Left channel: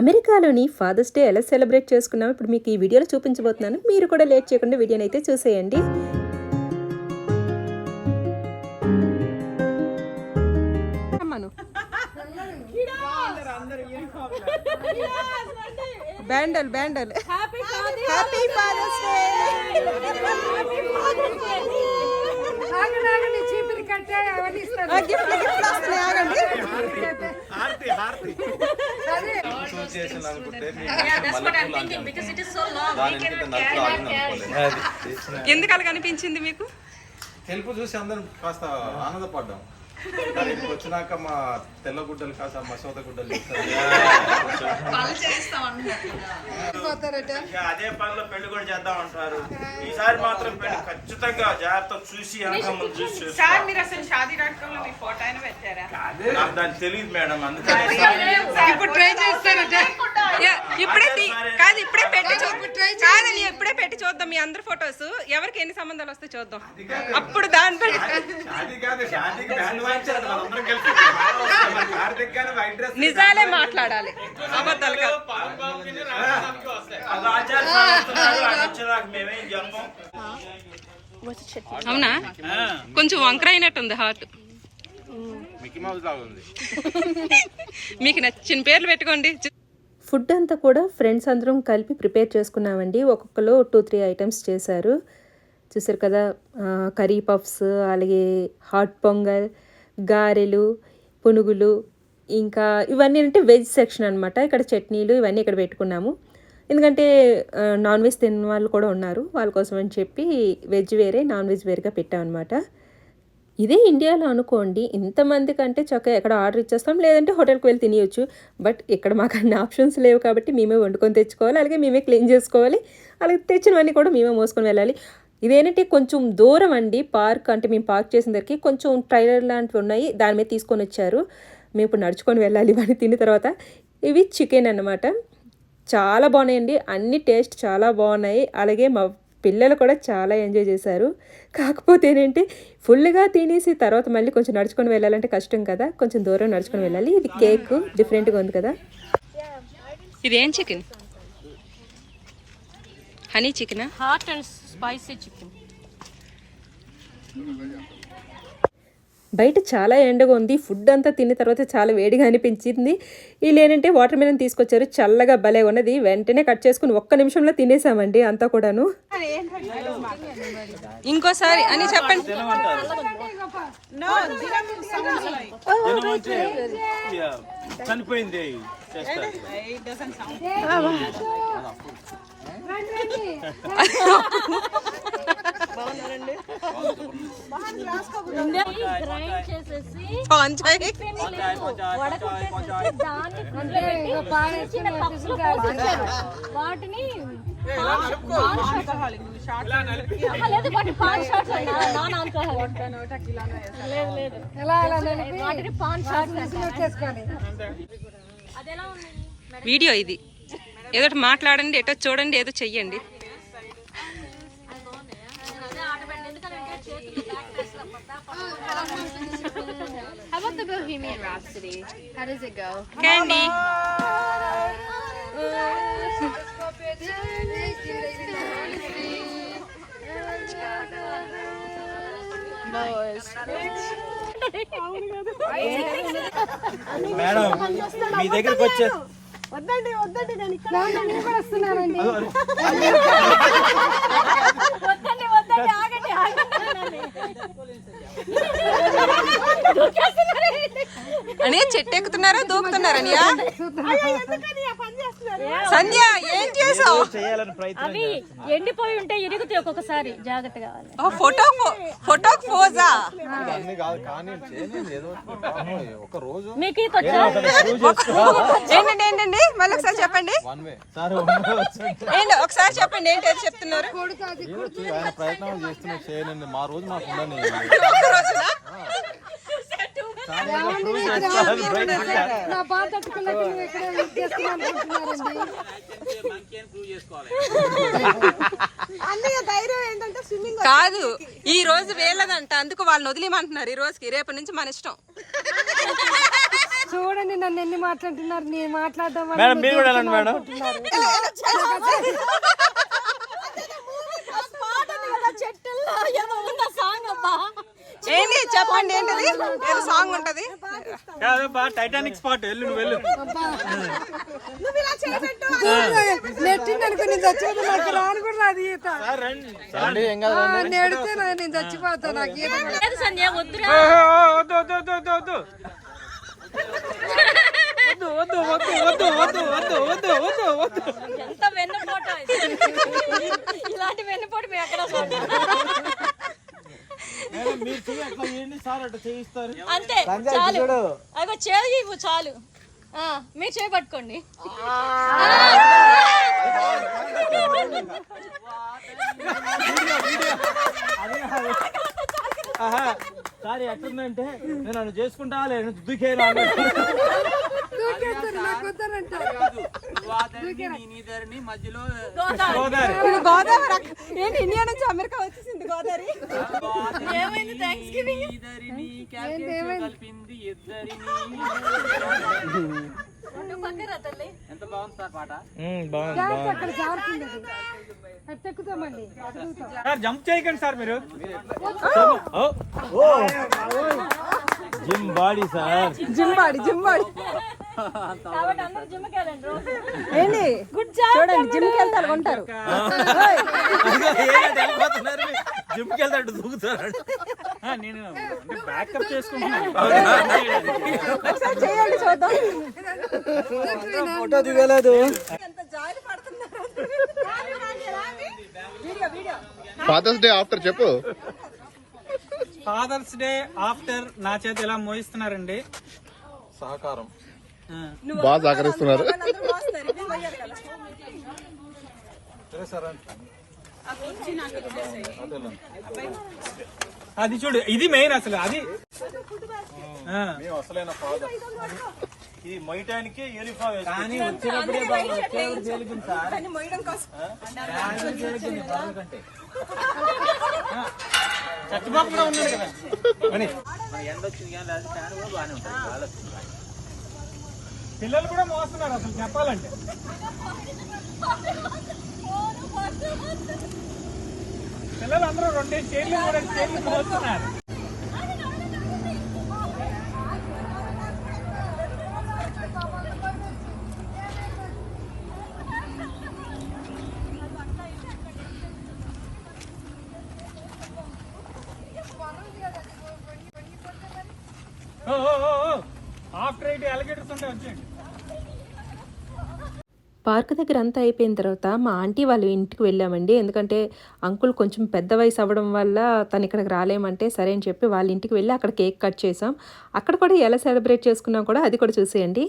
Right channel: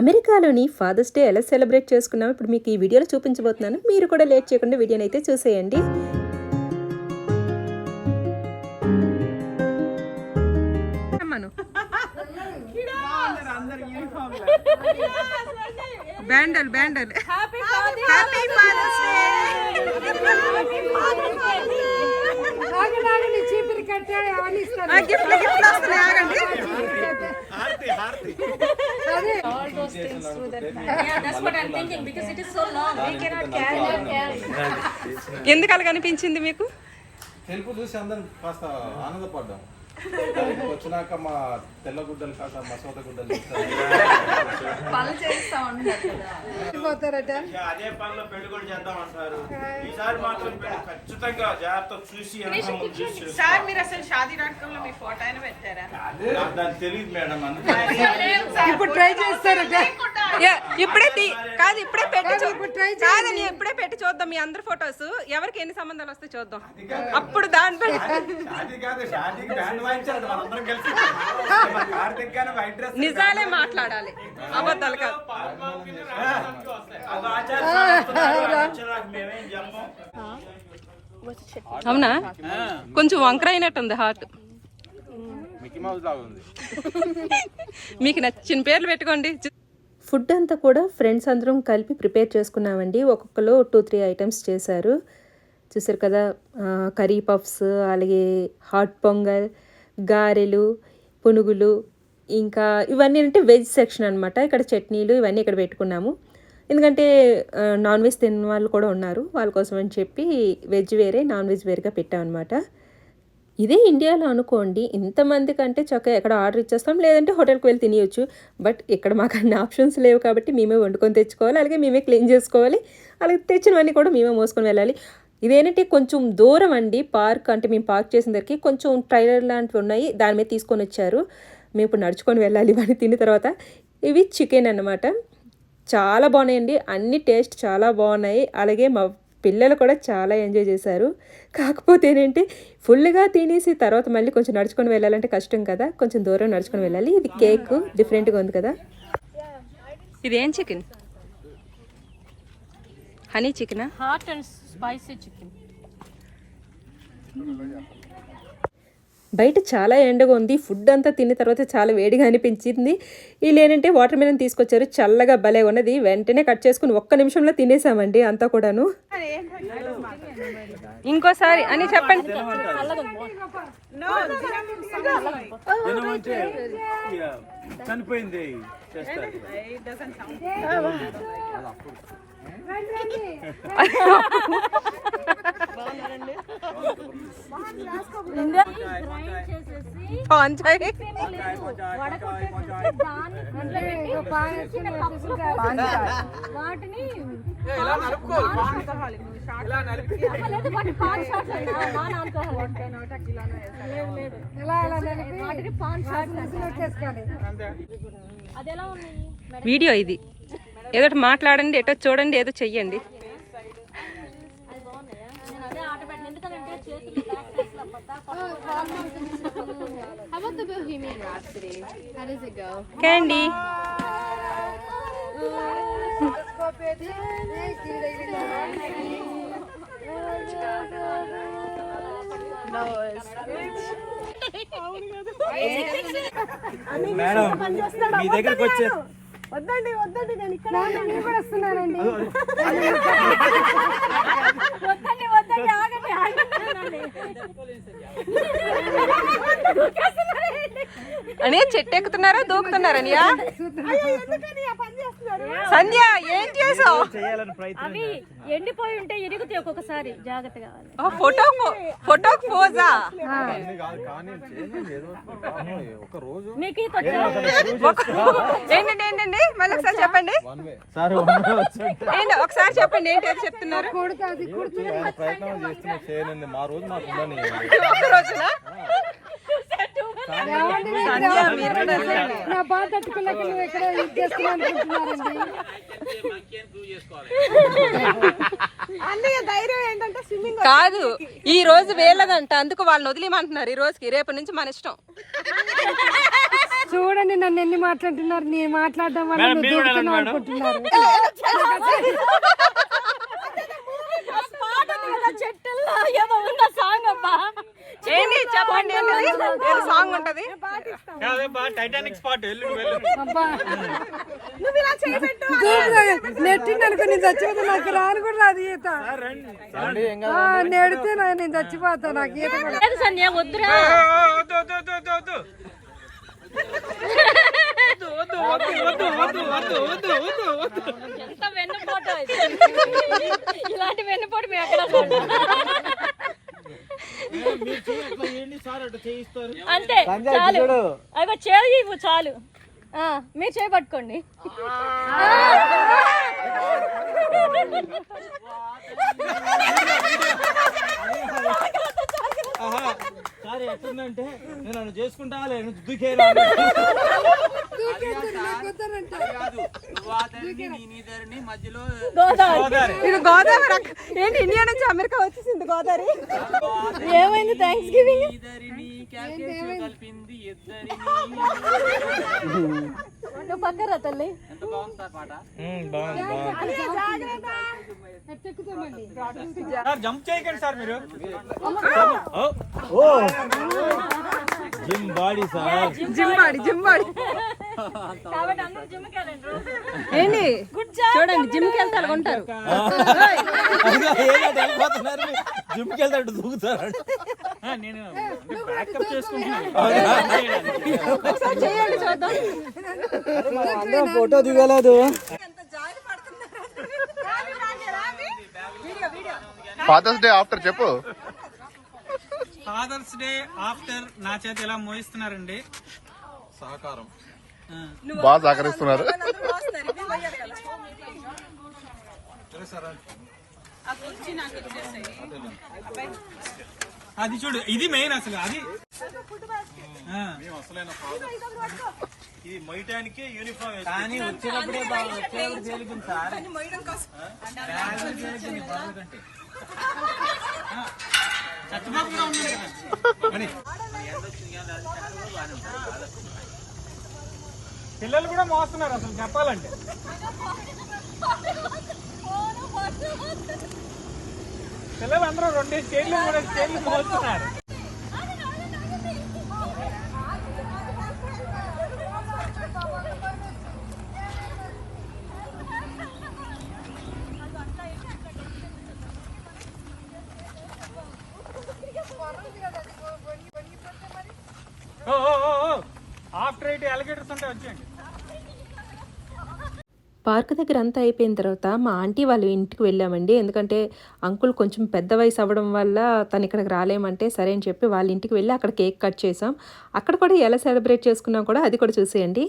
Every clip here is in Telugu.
అమెరికాలోని ఫాదర్స్ డే ఎలా సెలబ్రేట్ చేసుకున్నామో ఇప్పుడు మీకు ఈ వీడియోలో చూపించబోతున్నాను. మీరు కూడా లేట్ చేయకుండా వీడియోని అయితే చూసేయండి. బ్యాండల్ బ్యాండల్ హ్యాపీ ఫాదర్స్ డే. గిఫ్ట్లు గిఫ్ట్లు వస్తున్నాయి, ఆగండి. ఎందుకు అలా కనిపించింది మీకు? తెలుపు చూసి అందరం కాస్త ఆనందపడ్డాం. వచ్చినాక మా తెల్ల గుడ్డలు కాస్త మసోద గుడ్డలు అదే పనిలో పెళ్లి కూడా చేద్దాం అంటారు. ఈసారి మాత్రం పెళ్లి ఖచ్చితంగా జాగ్రత్త చూసి నాకు దాన్ని తెలియదు మేడం, అందుకని ఇప్పుడే పెట్టి చూద్దాం మీ అందరి ఫొటోస్, ఎవరికి ఎన్ని సంబంధాలు వస్తే చూద్దాం. అప్పుడు దానిపై నిజాలే మాట్లాడాలి, అబద్ధాలు కాదు. అవునా, కొంచెం వంకర అయినట్టుంది హార్ట్. మీకు నచ్చిన పేర్లు పెట్టుకోండి. ఫుడ్ అంతా కూడా ఫ్రెండ్స్ అందరం కలిపి ప్రిపేర్ చేసుకున్నామండి. ఒక్కొక్కరు 2-3 ఐటమ్స్ చేశారు. చూసారు కదా, కర్రీ పఫ్స్, అలాగే హాట్ పొంగల్, గారెలు, పునుగులు, ఇంకా ఇవన్నీ అంటే వెజ్ సెక్షన్ అనమాట. ఇక్కడ చట్నీలు ఇవన్నీ ఇక్కడ పెట్టుకున్నాము. ఎందుకంటే నాన్ వెజ్ తిన్న వాళ్ళు కూడా ఉన్నారు, వాళ్ళ కోసం అని చెప్పి వెజ్ వేరే నాన్ వెజ్ వేరేగా పెట్టామన్నమాట. ఇదే ఇండియాలో అనుకోండి, ఇంతమంది కంటే చక్కగా ఎక్కడ ఆర్డర్ ఇచ్చేస్తాం, లేదంటే హోటల్కి వెళ్ళి తినేయచ్చు. బట్ ఇక్కడ మాకు అన్ని ఆప్షన్స్ లేవు కాబట్టి మేమే వండుకొని తెచ్చుకోవాలి, అలాగే మేమే క్లీన్ చేసుకోవాలి, అలాగే తెచ్చినవన్నీ కూడా మేమే మోసుకొని వెళ్ళాలి. ఇదేంటంటే కొంచెం దూరం అండి పార్క్, అంటే మేము పార్క్ చేసిన దగ్గరికి కొంచెం ట్రైలర్ లాంటివి ఉన్నాయి, దాని మీద తీసుకొని వచ్చారు. మేము ఇప్పుడు నడుచుకొని వెళ్ళాలి ఇవన్నీ తిన్న తర్వాత. ఇవి చికెన్ అన్నమాట, చాలా బాగున్నాయండి, అన్ని టేస్ట్ చాలా బాగున్నాయి. అలాగే మా పిల్లలు కూడా చాలా ఎంజాయ్ చేశారు. కాకపోతే ఏంటంటే ఫుల్గా తినేసి తర్వాత మళ్ళీ కొంచెం నడుచుకొని వెళ్ళాలంటే కష్టం కదా, కొంచెం దూరం నడుచుకొని వెళ్ళాలి. ఇది కేక్ డిఫరెంట్గా ఉంది కదా. ఇదేం చికెన్? హనీ చికెనా? Hot and spicy chicken. బయట చాలా ఎండగా ఉంది. ఫుడ్ అంతా తిన్న తర్వాత చాలా వేడిగా అనిపించింది. వీళ్ళు ఏంటంటే వాటర్ మిలన్ తీసుకొచ్చారు, చల్లగా భలే ఉన్నది. వెంటనే కట్ చేసుకుని 1 నిమిషంలో తినేసామండి అంతా కూడాను. ఇంకోసారి అని చెప్పండి. చనిపోయింది వాటిని వీడియో ఇది, ఏదో మాట్లాడండి, ఏటో చూడండి, ఏదో చెయ్యండి. How about the Bohemian Rhapsody? How does it go? Candy. Madam మీ దగ్గరికి వచ్చే వద్దండి వద్దండి, నేను ఇక్కడ వస్తున్నానండి. వద్దండి వద్దండి, ఆగండి ఆగండి. అని చెట్టు ఎక్కుతున్నారా దూకుతున్నారనియా? సంధ్య ఏం చేసావు? అవి ఎండిపోయి ఉంటే ఇరుగుతాయి ఒక్కొక్కసారి, జాగ్రత్త కావాలి. ఫోటోకి పోజా? మీకు ఏంటండి మళ్ళీ ఒకసారి చెప్పండి, ఒకసారి చెప్పండి ఏంటి అది చెప్తున్నారు? ప్రయత్నం చేస్తున్నా, మా రోజు మాకు ఉండని ఒక్క రోజునా? కాదు, ఈ రోజు వేలదంట, అందుకు వాళ్ళని వదిలేమంటున్నారు ఈ రోజుకి. రేపు నుంచి మన ఇష్టం. చూడండి నన్ను ఎన్ని మాట్లాడుతున్నారు, నేను మాట్లాడడం వల్ల మేడం మీరు కూడా వెళ్ళండి మేడం. ఏంటి చెప్పండి, ఏంటిది ఏదో సాంగ్ ఉంటది. టైటానిక్ స్పాట్ వెళ్ళు వెళ్ళు. నెట్టిందనుకో నేను చచ్చిపోతే నాకు రాను కూడా రాదు ఈత. నెడితే నేను చచ్చిపోతా, నాకు ఈత కూడా. ఎంత వెన్నుపోటు ఇలాంటి వెన్నుపోటు మేము ఎక్కడ అంతే చాలు. అయ్యో చేయి చాలు, మీరు చేయి పట్టుకోండి. సారీ ఎట్లుందంటే నేను నన్ను చేసుకుంటా లేదు దుఃఖేనా మధ్యలో ఇది గోదావరి ఏంటి, ఇండియా నుంచి అమెరికా వచ్చేసింది గోదావరి. ఏమైంది థ్యాంక్స్ గివింగ్ కలిపింది ఇద్దరిని. నువ్వు పక్కరా తల్లి. ఎంత బాగుంది సార్ పాట. జంప్ చేయకండి సార్ మీరు. Gym body sir, gym body కాబట్టి అందరూ జిమ్కి వెళ్ళండి రోజు. ఏంటి చూడండి, జిమ్ కి వెళ్తే ఉంటారు. జిమ్ కి వెళ్తాడు దూకుతాడు. నేను బ్యాకప్ చేసుకుంటున్నాను. ఒకసారి చేయండి చూద్దాం. ఫోటో దిగలేదు. ఫాదర్స్ డే ఆఫ్టర్ చెప్పు. ఫాదర్స్ డే ఆఫ్టర్ నా చేత ఎలా మోయిస్తున్నారండి. సహకారం బాగా సహకరిస్తున్నారు. అది చూడు, ఇది మెయిన్ అసలు. అది అసలైన ఫాదర్. ఈ మొయ్యటానికి యూనిఫామ్ కానీ వచ్చినప్పుడే వచ్చేవాడు తేలిగింది సార్. పిల్లలు కూడా మోస్తున్నారు అసలు చెప్పాలంటే. పిల్లలు అందరూ 2 కేజీలు 3 కేజీలు మోస్తున్నారు. ఆఫ్టర్ 8 అలిగేటర్స్ ఉంటాయి వచ్చేయండి. పార్క్ దగ్గర అంతా అయిపోయిన తర్వాత మా ఆంటీ వాళ్ళ ఇంటికి వెళ్ళామండి. ఎందుకంటే అంకుల్ కొంచెం పెద్ద వయసు అవ్వడం వల్ల తను ఇక్కడికి రాలేమంటే సరే అని చెప్పి వాళ్ళ ఇంటికి వెళ్ళి అక్కడ కేక్ కట్ చేసాం. అక్కడ కూడా ఎలా సెలబ్రేట్ చేసుకున్నాం కూడా అది కూడా చూసేయండి.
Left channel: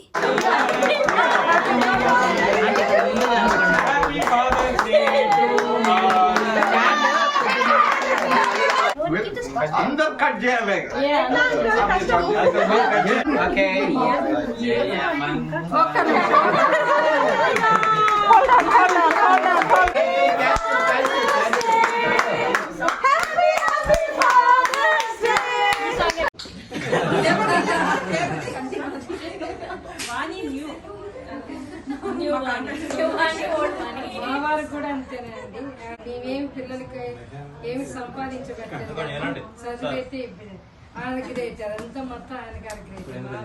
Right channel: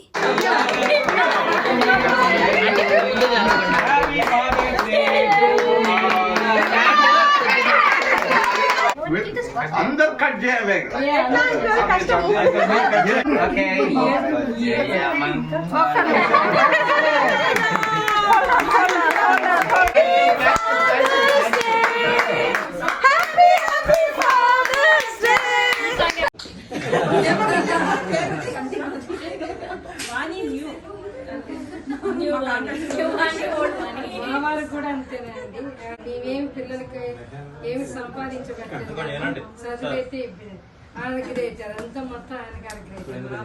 అందరు కట్ చేయాలి. వారికి కూడా అంతేనండి. మేమేమి పిల్లలకి ఏమి సంపాదించబెట్టాలి, చదివైతే ఆయనకి రేచారు అంతా మొత్తం ఆయనకి అరకి రేచారు.